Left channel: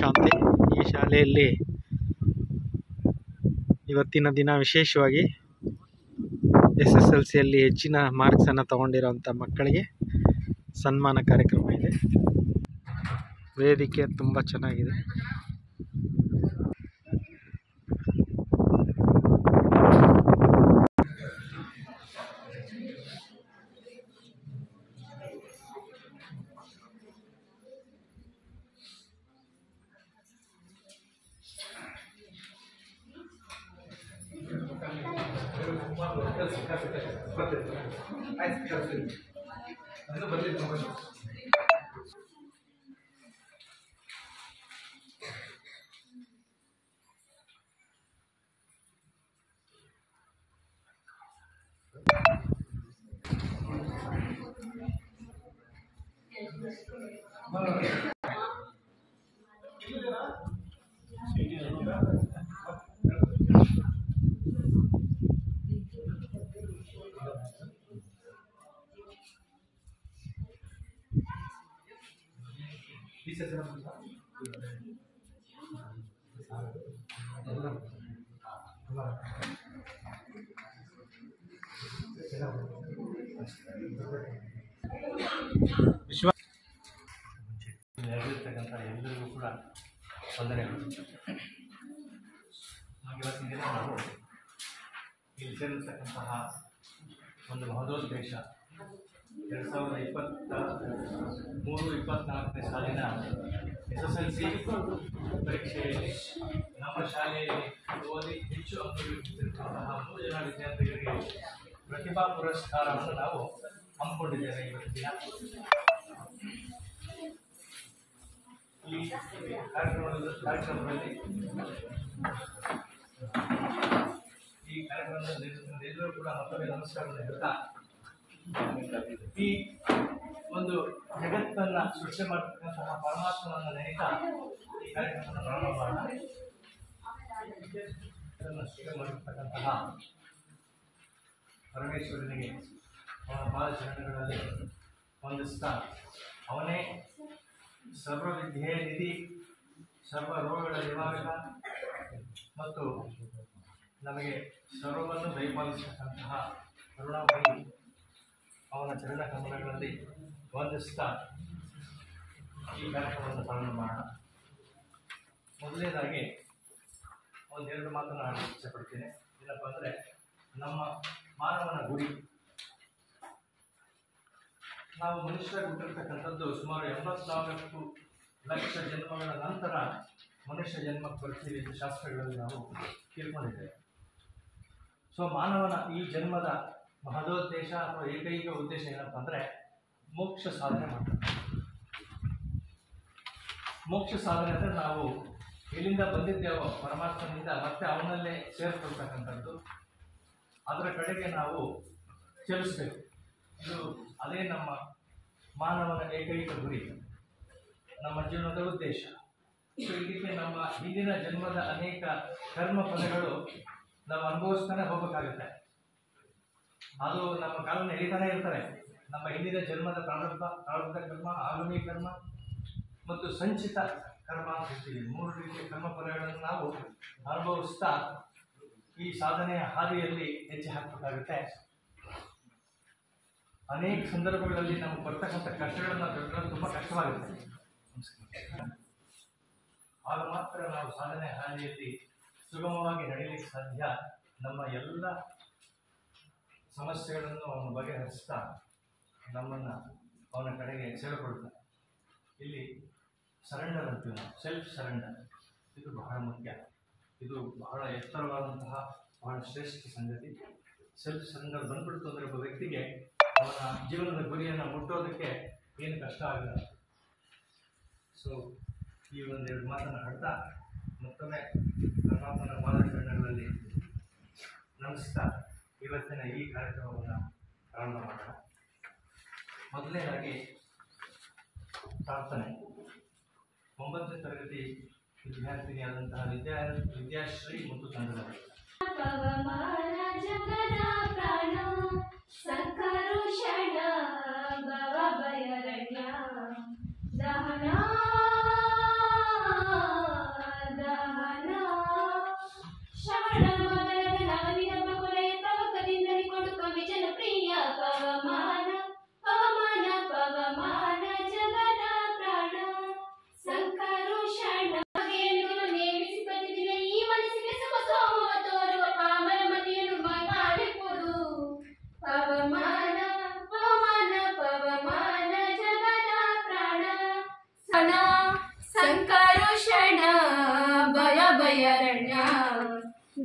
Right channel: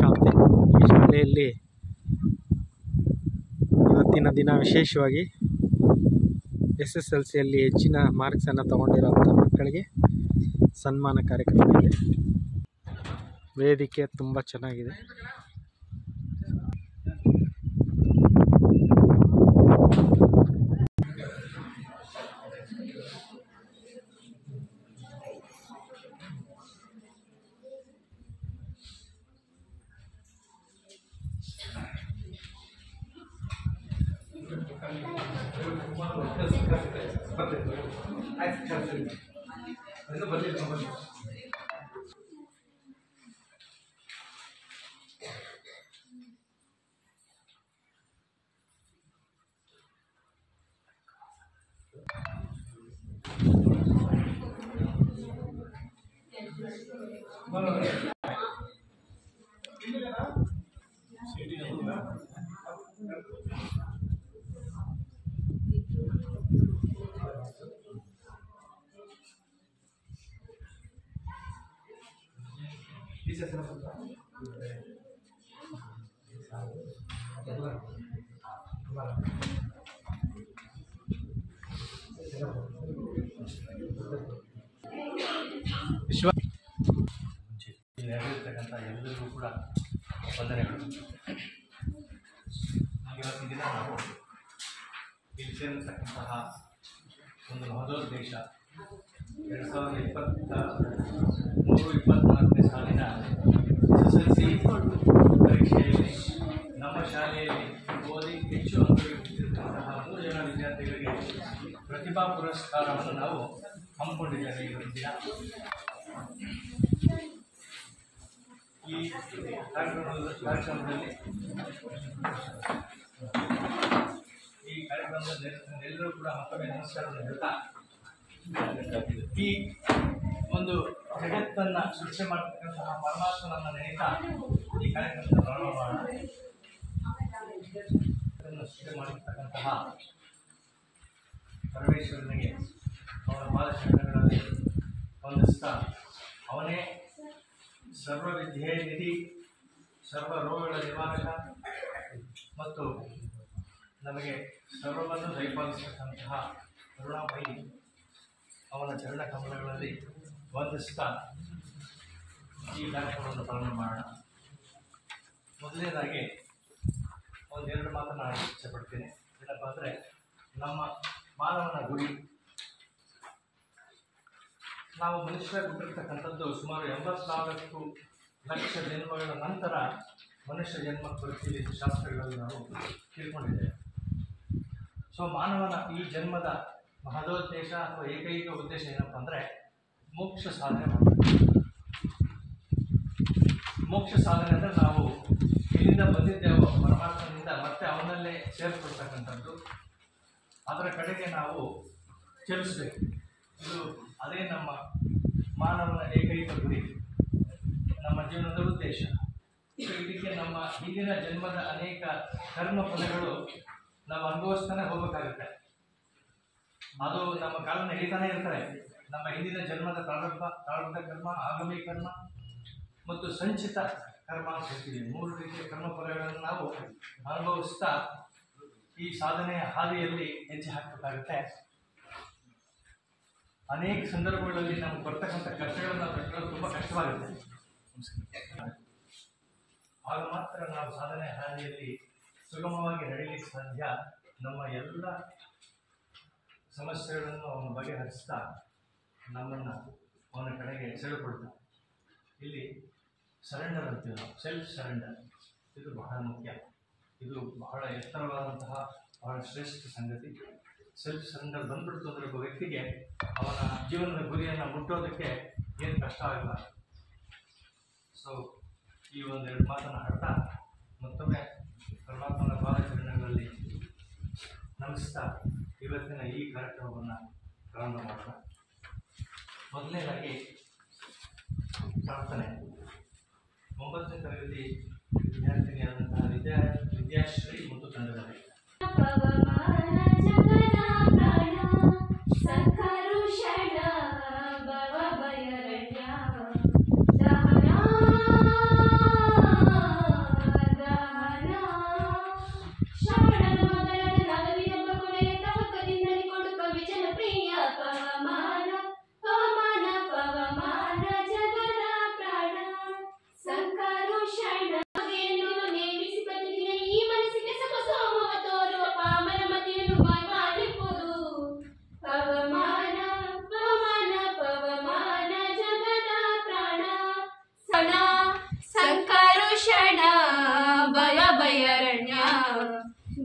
ಶಾಂತಿ. ಈ ಶಾಲೆಯಲ್ಲಿ ಇವತ್ತಿನ ದಿನ ವಿಶೇಷವಾಗಿ SSLCಯಲ್ಲಿ ಹೆಚ್ಚಿನ ಮಾರ್ಕ್ಸನ್ನು ತಗೊಂಡಿರೋಂಥ ಮಕ್ಕಳಿಗೆ ಸನ್ಮಾನ ಕಾರ್ಯಕ್ರಮ ಇದೆ. ವೇದಿಕೆ ತುಂಬ ಚೆನ್ನಾಗಿದೆ. ವಿಶ್ವ ನೆರವೇರ್ತಕ್ಕಂಥ ಎಲ್ಲರಿಗೂ ಕೂಡ ವಂದನೆಗಳು. ಇವತ್ತಿನ ದಿನ ನಾವು ಇಲ್ಲಿ ಸೇರಿರ್ತಕ್ಕಂತಹ ಒಂದು ಮಹೋದ್ದೇಶ 2023-24ನೇ ಸಾಲಿನ SSLC ಪರೀಕ್ಷೆಯಲ್ಲಿ ನಮ್ಮ ಶಾಲೆಯಲ್ಲಿ ಓದಿ ಹೆಚ್ಚು ಅಂಕ ಗಳಿಸಿರ್ತಕ್ಕಂತಹ 3 ಜನ ವಿದ್ಯಾರ್ಥಿಗಳಿಗೆ ಪ್ರತಿಭಾ ಪುರಸ್ಕಾರವನ್ನು ನಾವು ಹಮ್ಮಿಕೊಂಡಿದ್ದೇವೆ. ಇವತ್ತಿನ ದಿನ ಈ ಕಾರ್ಯಕ್ರಮದಲ್ಲಿ ಎಲ್ಲರೂ ಕೂಡ ಮತ್ತೊಮ್ಮೆ ನಮಸ್ಕಾರವನ್ನು ಹೇಳ್ತಾ, ಈ ಒಂದು ಜಗತ್ತನ್ನು ಸೃಷ್ಟಿ ಮಾಡತಕ್ಕಂತಹ ಪರಮಾತ್ಮನನ್ನು ನೆನೆತಾ ಈ ಕಾರ್ಯಕ್ರಮವನ್ನು ಪ್ರಾರಂಭ ಮಾಡೋಣ. ಇದನ್ನು ಸೃಷ್ಟಿ ಮಾಡಿರ್ತಕ್ಕಂತಹ ಪರಮೇಶ್ವರನಿಗೆ ಅವನ ಪಾದಚರಣಗಳಲ್ಲಿ ವಂದಿಸ್ತಾ, ಅವನೇ ಸರ್ವವಿದ್ಯೆ ನಿಧಿ, ಸರ್ವ ರೋಗಗಳ ನಿವಾರಕ ಮತ್ತು ನಮಗೆ ಸರ್ವವನ್ನು ದಯಪಾಲಿಸತಕ್ಕಂತಹ ಕರುಣಾಮಯಿ ಅವನ ಚರಣ ಕಮಲಗಳಲ್ಲಿ ವಂದಿಸ್ತಾ ಈ ಕಾರ್ಯಕ್ರಮವನ್ನು ಪ್ರಾರಂಭ ಮಾಡೋಣ. ಮೊದಲನೇದಾಗಿ ಒಂದೆರಡು ಮಾತನ್ನು ಆಡಲಿಕ್ಕೆ ಇಷ್ಟಪಡ್ತೀನಿ. ಏನಪ್ಪ ಅಂದರೆ, ನಮ್ಮ ಮಾನವನ ಗುರಿ, ನಾವು ಮನುಷ್ಯ ಹುಟ್ಟಿರ್ತಕ್ಕಂಥದ್ದು ಸುಮಾರು 84 ಲಕ್ಷ ಜನ್ಮಗಳ ನಂತರ ಮನುಷ್ಯ ಜನ್ಮಕ್ಕೆ ಬರ್ತೀವಿ ಎಂದು ಶಾಸ್ತ್ರಗಳಲ್ಲಿ ನಾವು ತಿಳ್ಕೊಂಡಿದ್ದೇವೆ. ಸೊ ಮಾನವನ ಈ ಜನ್ಮದ ಮಹದೋದ್ದೇಶ ಅಥವಾ ಏಕೈಕ ಉದ್ದೇಶ ಏನಪ್ಪ ಅಂದರೆ ಮೋಕ್ಷ ಸಾಧನೆ ಮಾಡಬೇಕು. ಮೋಕ್ಷ ಸಾಧನೆ ಅಂದರೆ ನಾವು ಎಲ್ಲಿಂದ ಬಂದಿದ್ದೇವೋ ಪರಮಾತ್ಮನಿಂದ ಮತ್ತೆ ಅವನಲ್ಲೇ ಸೇರಿಕೊಳ್ತಕ್ಕಂಥದ್ದು, ಅದರ ಕಡೆಗೆ ನಾವು ಚಲಿಸಬೇಕು. ಇದು ಅದೇ ನಮ್ಮ ಮಾನವನ ಏಕೈಕ ಗುರಿ, ನಮ್ಮ ಜೀವನದ ಉದ್ದೇಶ. ಸೊ ಇದಕ್ಕೆ ನಮ್ಮ ಹಿಂದಿನ ಜನ್ಮದ ಅನೇಕ ಕರ್ಮ ಫಲಗಳು ನಾವು ಅನುಭವಿಸ್ತಾನೆ ಹೋಗಬೇಕಾಗುತ್ತೆ. ಅದು ನಮ್ಮ ಕಾಲನ್ನು ಎಳಿತಾನೆ ಇರ್ತಾರೆ. ನಮ್ಮ ಹಿಂದಿನ ಜನ್ಮದ ಪ್ರಾರಬ್ಧ ಕರ್ಮ, ಆಗಾಮಿ ಕರ್ಮ ಮತ್ತು ಸಂಚಿತ ಕರ್ಮ ಅಂತ ಹೇಳ್ತೀವಿ. 3 ರೀತಿಯ ಕರ್ಮ ಫಲಗಳನ್ನು ನಾವು ಅನುಭವಿಸ್ತಾ ಈ ಸಾಧನೆಯ ಹಾದಿಯಲ್ಲಿ ಹೆಜ್ಜೆ ಹಾಕಬೇಕಾಗುತ್ತೆ. ಅನೇಕ ಸಂದರ್ಭಗಳಲ್ಲಿ ನಮಗೆ ಬರ್ತಕ್ಕಂಥ ಕಷ್ಟಗಳನ್ನು ತಡೆಯೋದು ತುಂಬ ಕಷ್ಟವಾಗುತ್ತೆ. ಆಗ ಮಾತ್ರ ನಾವು ಸಾಧನೆ ಹಾದಿಯಲ್ಲಿ ಸುಗಮವಾಗಿ ನಡೆಯಲಿಕ್ಕೆ ಸಾಧ್ಯ. ನಮ್ಮ ಎಲ್ಲ ಸಮಸ್ಯೆಗಳನ್ನು ಅವನು ಬಗೆಹರಿಸ್ತಾ ನಮ್ಮನ್ನು ಅವನ ಕಡೆಗೆ ಸೆಳೆಕೊಳ್ತಾ, ಇಲ್ಲಿ ಸರೆಂಡರ್ ಅಂತೀವಿ ನಾವು, ಸೆಲ್ಫ್ ಸರೆಂಡರ್. ಇದು ಬಹಳ ಮುಖ್ಯ. ಇದು ಬಹಳ ಎತ್ತರವಾದಂತಹ ಬಹಳ ಶ್ರೇಷ್ಠ ಸಂಗತಿ. ಸೆಲ್ಫ್ ಸರೆಂಡರ್ ಬಂದ್ಬಿಡ್ತು ಅಂದರೆ ಒಬ್ಬ ವ್ಯಕ್ತಿಗೆ ಅವನ ಜೀವನದ ಗುರಿಯನ್ನು ಮುಟ್ಟೋದಕ್ಕೆ ಏನು ಕಷ್ಟ ಆಗಲ್ಲ. ಸೊ ಈ ಒಂದೆರಡು ಮಾತನ್ನು ಹಾಡ್ತಾ ಮತ್ತೊಮ್ಮೆ ಪರಮಾತ್ಮನ ಪಾದಚರಣೆಗಳಲ್ಲಿ ನಮಿಸ್ತಾ ಇವತ್ತಿನ ಈ ಕಾರ್ಯಕ್ರಮವನ್ನು ಪ್ರಾರಂಭ ಮಾಡೋಣ. ಮೊದಲನೇದಾಗಿ ಪ್ರಾರ್ಥನೆ. 9ನೇ ತರಗತಿ ವಿದ್ಯಾರ್ಥಿನಿಯಾದಂತಹ ವಿದ್ಯಾಶ್ರೀ ಮತ್ತು ತಂಡದವರು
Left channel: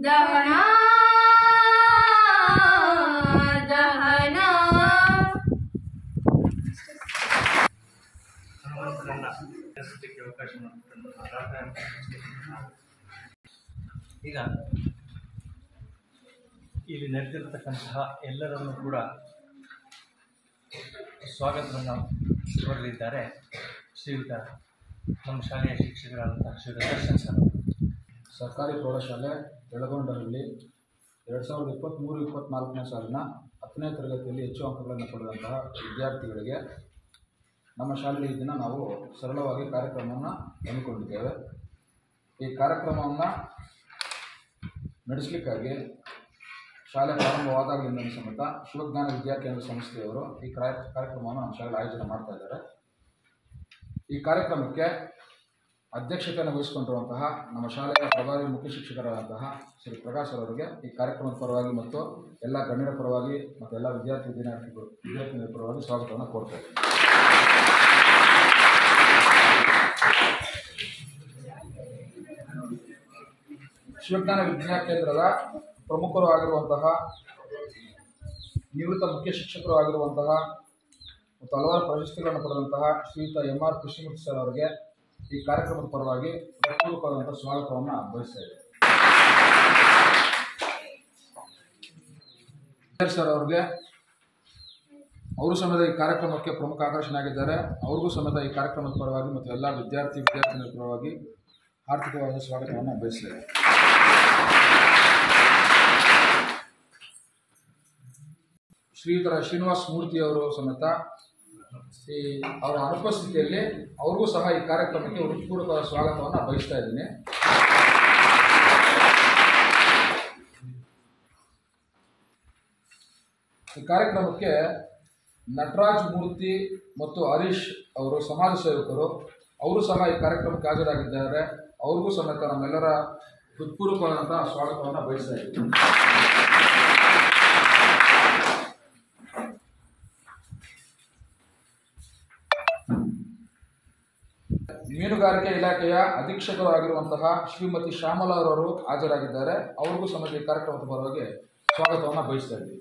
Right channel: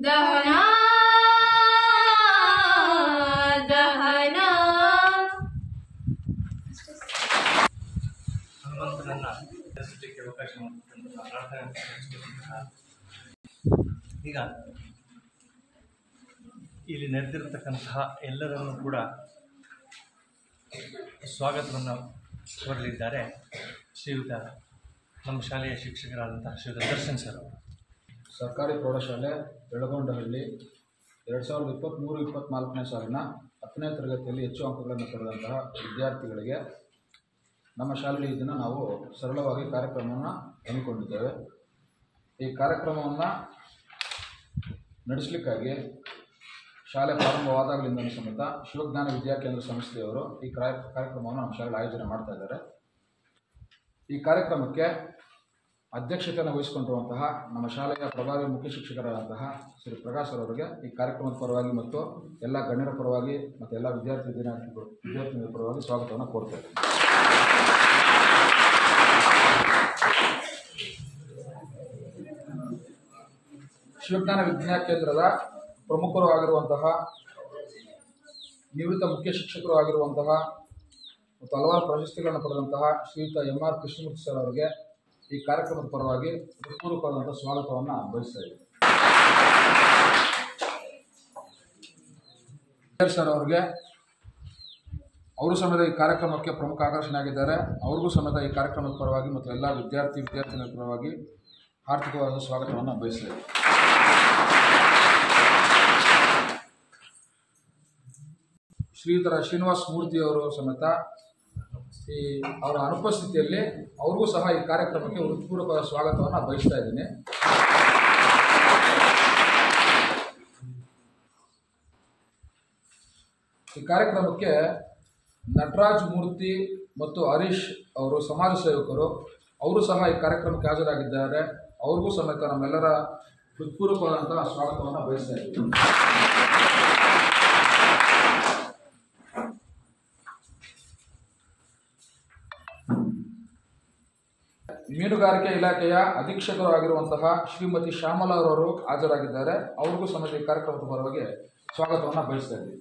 ದಹನ ದಹನ. ಹನುಮಂತನನ್ನ ದರ್ಶಿಸಲಿಕ್ಕೆ ಅವಕಾಶ ಮಾಡಿಕೊಟ್ಟು ಪ್ರಾರ್ಥನೆ. ಈಗ ಇಲ್ಲಿ ನೆರೆದಿರತಕ್ಕಂತಹ ಎಲ್ಲರನ್ನೂ ಕೂಡ ಸ್ವಾಗತವನ್ನು ಕೋರಲಿದ್ದಾರೆ ಶ್ರೀಯುತ ನಮ್ಮ ಶಾಲೆಯ ಶಿಕ್ಷಕರಾದಂತಹ ಶ್ರೀಯುತ ದರ್ಶನ್ ಸರ್ ಅವರು. ಸರ್ಕಾರಿ ಪ್ರೌಢಶಾಲೆ ಬೆಳಗೊಂಡಹಳ್ಳಿ 2023-24ನೇ ಸಾಲಿನ 10ನೇ ತರಗತಿಯಲ್ಲಿ ಹೆಚ್ಚು ಅಂಕಗಳನ್ನು ಪಡೆದಂತಹ ವಿದ್ಯಾರ್ಥಿಗಳಿಗೆ ನಮ್ಮ ಶಾಲೆಯಲ್ಲಿ ಈ ದಿನ ನಾವು ಸರಳವಾಗಿ ಕಾರ್ಯಕ್ರಮವನ್ನು ಹಮ್ಮಿಕೊಂಡಿದ್ದೇವೆ. ಈ ಕಾರ್ಯಕ್ರಮವನ್ನು ನಡೆಸಲಿಕ್ಕಾಗಿ ಶಾಲೆ ಪ್ರಾರಂಭವಾದಾಗಲಿಂದ ಸಮೇತ ಶಿವಜ್ಞಾನ ವಿದ್ಯಾಕೇಂದ್ರ ಸಂಸ್ಥೆಯವರು ಈ ಕಾರ್ಯಕ್ರಮವನ್ನು ನಮ್ಮ ಶಾಲೆಯಲ್ಲಿ ಆಯೋಜನೆ ಮಾಡ್ತಾ ಇದ್ದಾರೆ. ಈ ಕಾರ್ಯಕ್ರಮಕ್ಕೆ ಅಧ್ಯಕ್ಷತೆಯನ್ನು ವಹಿಸಿಕೊಂಡಿರುವಂತಹ ನಮ್ಮ ಶಾಲೆಯ ಪ್ರಭಾವಿ ಮುಖ್ಯ ಶಿಕ್ಷಕರಾದಂತಹ ಶ್ರೀ ಪ್ರಕಾಶ್ ಅವರಿಗೆ ಈ ಕಾರ್ಯಕ್ರಮದ ಪರವಾಗಿ ಮತ್ತು ಎಲ್ಲ ಗಣ್ಯರ ಪರವಾಗಿ ಮತ್ತು ಎಲ್ಲ ವಿದ್ಯಾರ್ಥಿನಿಯರ ಪರವಾಗಿ ಸ್ವಾಗತವನ್ನು ಕೋರ್ತೇವೆ. ಶಿವಜ್ಞಾನ ವಿದ್ಯಾಕೇಂದ್ರದ ಪ್ರಮುಖರು ಆಗಿರುವಂತಹ ನಿವೃತ್ತ ಮುಖ್ಯ ಶಿಕ್ಷಕರು ಆಗಿರುವಂತಹ ಮತ್ತು ಹಲವಾರು ಪ್ರಶಸ್ತಿಗಳನ್ನು ಪಡೆದಂತಹ ಶ್ರೀಯುತ MR ಕೃಷ್ಣಮೂರ್ತಿ ಸರ್ ಅವರಿಗೆ ಈ ಕಾರ್ಯಕ್ರಮದ ಪರವಾಗಿ ಪೂರ್ವಕವಾದಂಥ ಸ್ವಾಗತವನ್ನು ಬಯಸ್ತಾ ಇದ್ದೇವೆ. ಸರ್ ಅವರಿಗೆ ಅವರು ಸಮೇತ ಈ ಕಾರ್ಯಕ್ರಮಕ್ಕೆ ಪ್ರಮುಖ ಆಕರ್ಷಣೆ ಆಗಿದ್ದಾರೆ. ಅವ್ರಿಗೂ ಸಮೇತ ಈ ಕಾರ್ಯಕ್ರಮದ ಪರವಾಗಿ ಮತ್ತು ಎಲ್ಲ ವಿದ್ಯಾರ್ಥಿನಿಯರ ಪರವಾಗಿ ಆರ್ಥಿಕವಾದ ಸ್ವಾಗತವನ್ನು ಬಯಸ್ತೇವೆ. ಶ್ರೀಯುತರ ಶ್ರೀನಿವಾಸ್ ಮೂರ್ತಿ ಅವರು ಸಮೇತ ಅವರ ಅನುಪಸ್ಥಿತಿಯಲ್ಲಿ ಅವ್ರಿಗೂ ಸಹ ಈ ಕಾರ್ಯಕ್ರಮಕ್ಕೆ ಹೃತ್ಪೂರ್ವಕವಾದ ಸ್ವಾಗತವನ್ನು ಬಯಸ್ತಾ ಇದ್ದೀನಿ. ಈ ಕಾರ್ಯಕ್ರಮಕ್ಕೆ ನಟರಾಜ್ ಮೂರ್ತಿ ಮತ್ತು ಹರೀಶ್ ಅವರು ಸಮಾಜ ಸೇವಕರು, ಅವರು ಸಹ ಈ ಕಾರ್ಯಕ್ರಮಕ್ಕೆ ಹಾಜರಾಗಿದ್ದಾರೆ. ಅವ್ರಿಗೂ ಸಮೇತ ನಮ್ಮೆಲ್ಲರ ಹೃತ್ಪೂರ್ವಕವಾದಂತಹ ಸ್ವಾಗತವನ್ನು ಬಯಸ್ತಾ ಇದ್ದೀನಿ. ಮೀನುಗಾರಿಕೆ ಇಲಾಖೆಯ ಅಧೀಕ್ಷಕರು ಆಗಿರುವಂತಹ ಶ್ರೀಮತಿ ಶ್ಯಾಮಲಾ ಅವರು ಹಾಜರಾಗಿದ್ದಾರೆ. ಅವ್ರಿಗೂ ಸಮೇತ ಈ ಕಾರ್ಯಕ್ರಮದ ಪರವಾಗಿ ಸ್ವಾಗತವನ್ನು ಬಯಸ್ತಾ ಇದ್ದೀವಿ.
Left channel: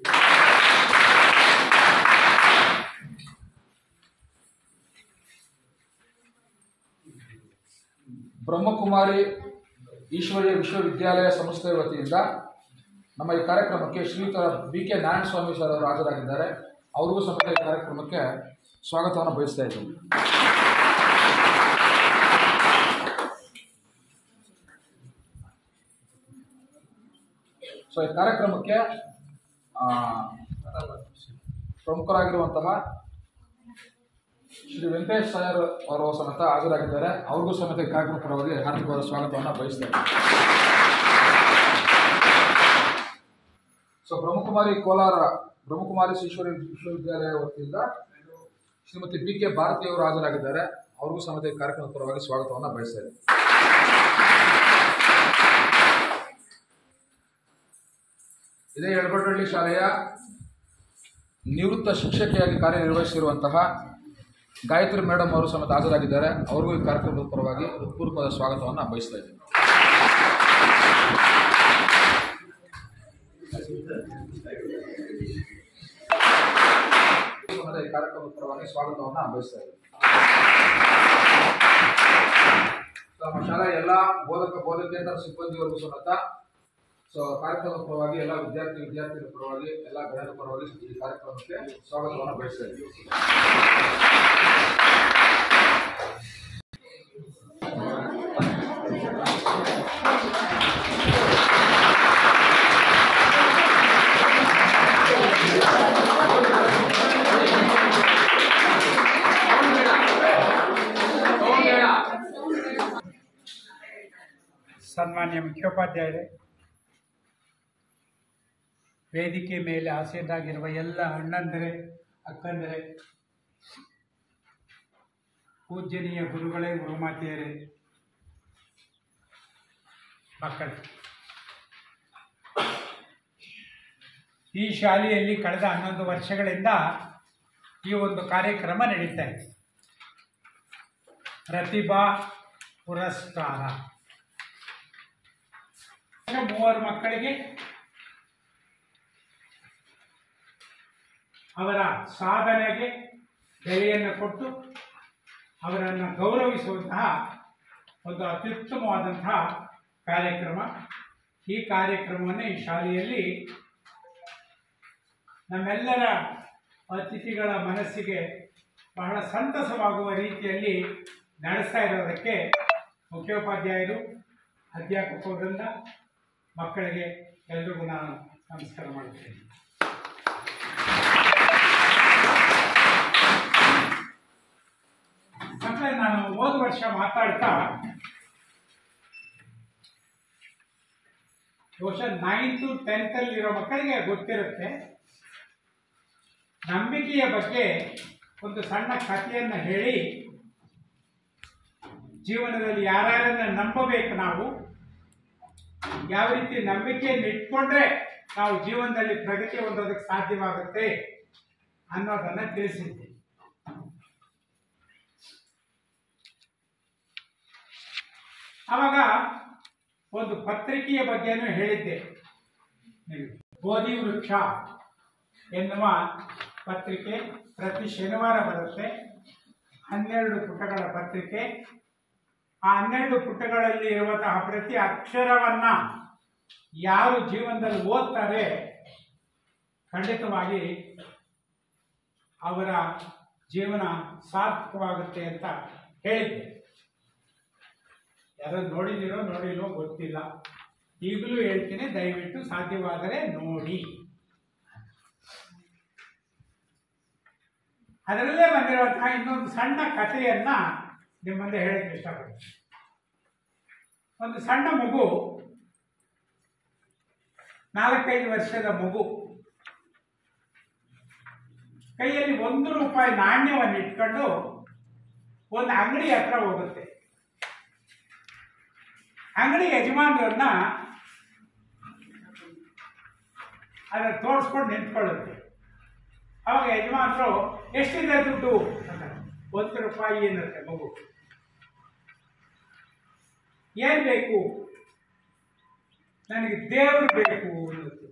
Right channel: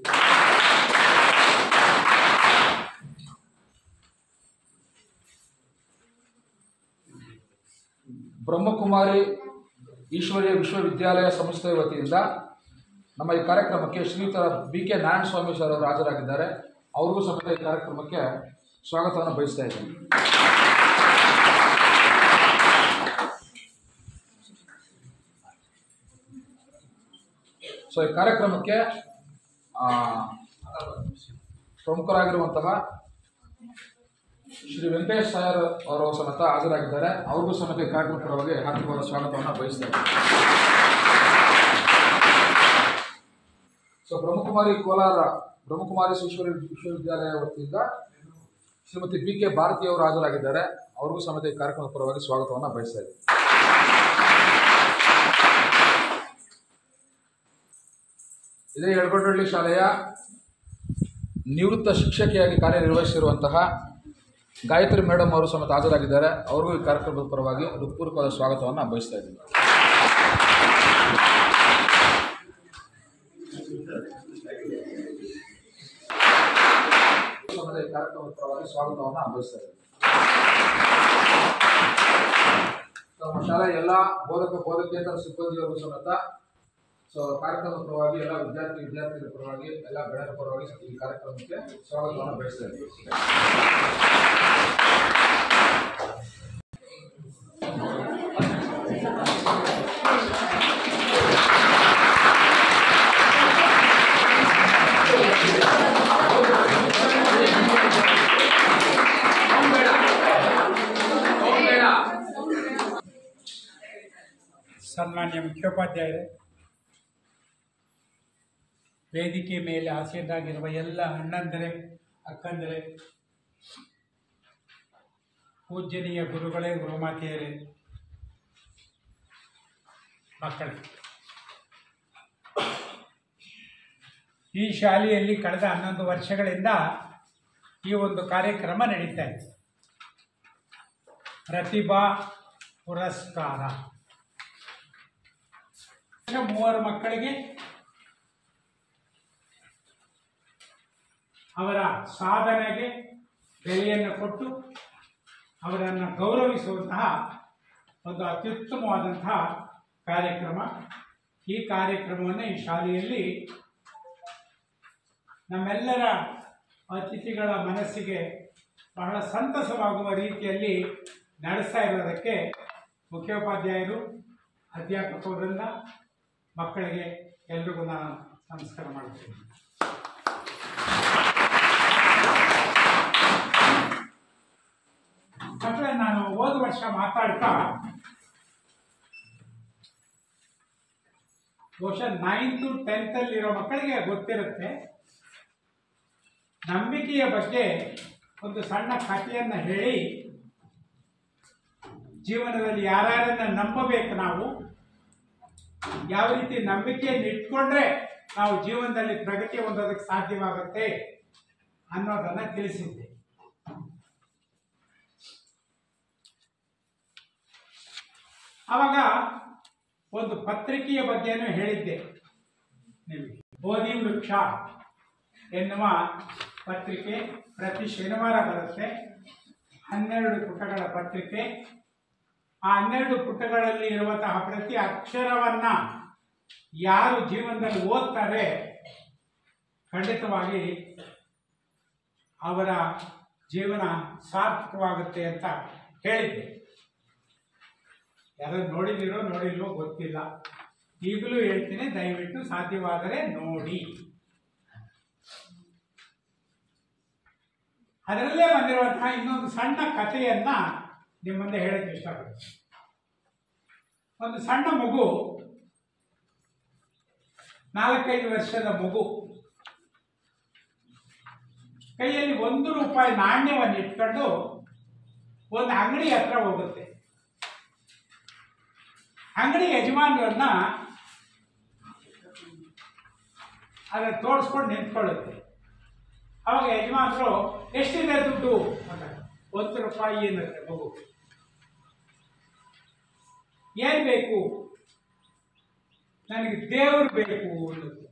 ಬ್ರಹ್ಮಕುಮಾರಿ ಈಶ್ವರೀಯ ವಿಶ್ವವಿದ್ಯಾಲಯ ಸಂಸ್ಥೆಯ ವತಿಯಿಂದ ನಮ್ಮ ಈ ಕಾರ್ಯಕ್ರಮಕ್ಕೆ ಶ್ರೀಯುತ BK ನಾರಾಯಣ ಸ್ವಾಮಿ ಸರ್ ಅವರು ಹಾಜರಾಗಿದ್ದಾರೆ. ಅವ್ರಿಗೂ ಸಮೇತ ಈ ಕಾರ್ಯಕ್ರಮಕ್ಕೆ ಸ್ವಾಗತವನ್ನು ಬಯಸ್ತಾ ಇದ್ದೀವಿ. ಸೊ ಈ ಕಾರ್ಯಕ್ರಮಕ್ಕೆ ಪ್ರಮುಖರಾಗಿರುವಂತಹ ಶ್ರೀ ವೆಂಕಟೇಶ್ ಸಾಯರ್ ಅವರು ಸಮೇತ ಹಾಜರಾಗಿದ್ದಾರೆ. ಅವ್ರಿಗೂ ಸಮೇತ ಈ ಕಾರ್ಯಕ್ರಮದ ಪರವಾಗಿ ಹಾರ್ದಿಕವಾದ ಸ್ವಾಗತವನ್ನು ಬಯಸ್ತಾರೆ. ಸೊ ಬ್ರಹ್ಮಕುಮಾರಿ ಈಶ್ವರಿ ವಿಶ್ವವಿದ್ಯಾಲಯ ವತಿಯಿಂದ ಶ್ರೀಮತಿ BK ಭಾರತಿ ಅವರು ಹಾಜರಾಗಿದ್ದಾರೆ. ಅವ್ರಿಗೂ ಸಮೇತ ಈ ಕಾರ್ಯಕ್ರಮದ ಪರವಾಗಿ ಸ್ವಾಗತವನ್ನು ಬಯಸ್ತಾರೆ. ಇದೇ ಯಳಗೋಡಹಳ್ಳಿ ಶಾಲೆಯ ನಿವೃತ್ತ ಶಿಕ್ಷಕಿಯಾಗಿ ಕಾರ್ಯನಿರ್ವಹಿಸಿರುವಂತಹ ಗಾಯತ್ರಿ ಮೇಡಮ್ ಅವರು ಸಮೇತ ಹಾಜರಾಗಿದ್ದಾರೆ. ಅವ್ರಿಗೂ ಈ ಕಾರ್ಯಕ್ರಮದ ಪರವಾಗಿ ಹೃತ್ಪೂರ್ವಕವಾದ ಸ್ವಾಗತವನ್ನು ಬಯಸ್ತಾ ಇದ್ದೀನಿ. ಈ ಕಾರ್ಯಕ್ರಮದ ಪರವಾಗಿ ಸ್ವಾಗತವನ್ನು ಬಯಸ್ತಾ ಇದ್ದೀನಿ. ನಮ್ಮ ಶಾಲೆಯ ಎಲ್ಲ ಬೋಧಕೇತರ ಸಿಬ್ಬಂದಿಯವರಿಗೂ ಸಮೇತ ಕಾರ್ಯಕ್ರಮದ ಪರವಾಗಿ ಎಲ್ಲ ವಿದ್ಯಾರ್ಥಿಗಳ ಪರವಾಗಿ ಎಲ್ಲ ಗಣ್ಯರ ಪರವಾಗಿ ಈ ಕಾರ್ಯಕ್ರಮಕ್ಕೆ ಸ್ವಾಗತವನ್ನು ಬಯಸ್ತಾ ಇದ್ದೀವಿ. ಸನ್ಮಾನ್ಯ ಮುಖ್ಯೋಪಾಧ್ಯಾಯರೇ, ವೇದಿಕೆ ಮೇಲೆ ಆಸೀನರಾಗಿರುವ ಎಲ್ಲ ಅಣ್ಣಂದರೆ, ಅಕ್ಕಂದರೆ, ಪೂಜ್ಯನೀಯ ಗುರುಗಳೇ, ಗುರುಮಾತೆಯರೇ, ಮಕ್ಕಳೇ, ಈ ಶಾಲೆಯಲ್ಲಿ ಕಳೆದ 11 ವರ್ಷಗಳಿಂದ ಈ ಒಂದು ಕಾರ್ಯಕ್ರಮ ನಡೀತಾ ಇದೆ. ಪ್ರತಿಭಾ ಪುರಸ್ಕಾರ 3 ಮಕ್ಕಳಿಗೆ ಅವರ ಸಾಧನೆಗೆ ಬೆಲೆಯನ್ನು ಕೊಟ್ಟು ಅವರನ್ನು ಗೌರವಿಸುವಂತಹ ಒಂದು ಅತ್ಯುತ್ತಮವಾದಂತಹ ಕಾರ್ಯಕ್ರಮ. ಈ ಕಾರ್ಯಕ್ರಮವನ್ನು ಈ ಶಾಲೆಯಲ್ಲಿ ನಮ್ಮೆಲ್ಲರ ಅತಿಥಿಗಳ ಮನಸ್ಸಿಗೆ ಬಹಳ ಸಂತಸವಾಗುವ ರೀತಿಯಲ್ಲಿ ನಡೆಸ್ತಾ ಇರೋದಕ್ಕೆ ಮುಖ್ಯೋಪಾಧ್ಯಾಯರು, ಅಧ್ಯಾಪಕ ವೃಂದ, ಮಕ್ಕಳಿಗೆ ಎಲ್ರಿಗೂ ನಾನು ನಮಸ್ಕಾರ ಮಾಡ್ತೀನಿ. ಮಕ್ಕಳೇ, ನಾನು ಹೋದ ವರ್ಷ ಮಾತಾಡ್ತಾ ಬಹುಶಃ 9th 10th ಅಲ್ಲಿರೋ ಮಕ್ಕಳಿಗೆ ಗೊತ್ತಿರುತ್ತೆ, ನಂಬಿಕೆಯ ಬಗ್ಗೆ ಒಂದು ಸಣ್ಣ ಕಥೆಯನ್ನು ಹೇಳಿ ಜೀವನದಲ್ಲಿ ಯಾರ್ಯಾರನ್ನ ನಂಬಬೇಕು, ನಾವು ಯಾವ ರೀತಿ ನಂಬಿಕೆಯನ್ನು ಇಟ್ಕೊಂಡ್ರೆ ನಾವು ಜೀವನದಲ್ಲಿ ಪ್ರಗತಿ ಹೊಂದೋದಕ್ಕೆ ಸಾಧ್ಯವಾಗುತ್ತೆ ಅನ್ನೋದನ್ನ ತಿಳಿಸಿದ್ದೆ. ಆವಾಗ ಒಂದು ಪತ್ರಿಕೆಯ ಬಗ್ಗೆನೂ ಹೇಳಿದ್ದೆ ನಿಮಗೆ. ಬೋಧಿ ವೃಕ್ಷ ಎನ್ನುವ ಪತ್ರಿಕೆ ಪ್ರತಿ ಶನಿವಾರ ಬರುತ್ತೆ. 12 ಪುಟಗಳ ಪತ್ರಿಕೆ. ಆ 12 ಪುಟಗಳಲ್ಲಿ ಇರುವಂತಹ ಪ್ರತಿ ಅಕ್ಷರವನ್ನ ಯಾರು ಜೀವನದಲ್ಲಿ ಓದ್ತಾರೆ ಖಂಡಿತವಾಗಿ ಅವರ ಜೀವನ ಸಾರ್ಥಕವಾಗುತ್ತೆ ಅಂತ ಹೇಳಿದ್ದೆ. ಯಾರು ನೋಡಿದಿರೋ ನೋಡಿಲ್ವೋ ಗೊತ್ತಿಲ್ಲ, ಈಗಲೂ ಹೇಳ್ತೀನಿ, ದಯವಿಟ್ಟು ಸಾಧ್ಯವಾದರೆ ನೋಡಿ. ಅದರಲ್ಲೇ ಬಂದಿರುವಂತಹ ಇನ್ನೊಂದು ಸಣ್ಣ ಕಥೆಯನ್ನ ನಿಮ್ಮ ಮುಂದೆ ಹೇಳಕ್ಕೆ ಇಷ್ಟಪಡ್ತೀನಿ. ಒಂದು ಸಣ್ಣ ಮಗು, 4-5 ವರ್ಷದ ಮಗು, ಕೈಯಲ್ಲಿ 1 ರೂಪಾಯಿ ನಾಣ್ಯವನ್ನು ಇಟ್ಕೊಂಡು ಒಂದು ಅಂಗಡಿ ಹತ್ರ ಹೋಗುತ್ತೆ. ಅಂಗಡಿ ಯಜಮಾನರನ್ನ ಅದನ್ನ ತೋರಿಸ್ಕೊಂಡು ನಿಂತ್ಕೊಳ್ಳುತ್ತೆ. ಅವಾಗ ಯಜಮಾನರು ಎಷ್ಟಿದೆ ದುಡ್ಡು ಅಂತ, 1 ರೂಪಾಯಿ ಅನ್ನತ್ತೆ ಮಗು. ಏನ್ ಬೇಕು? ನನಗೆ ದೇವರು ಬೇಕು ಅನ್ನುತ್ತೆ.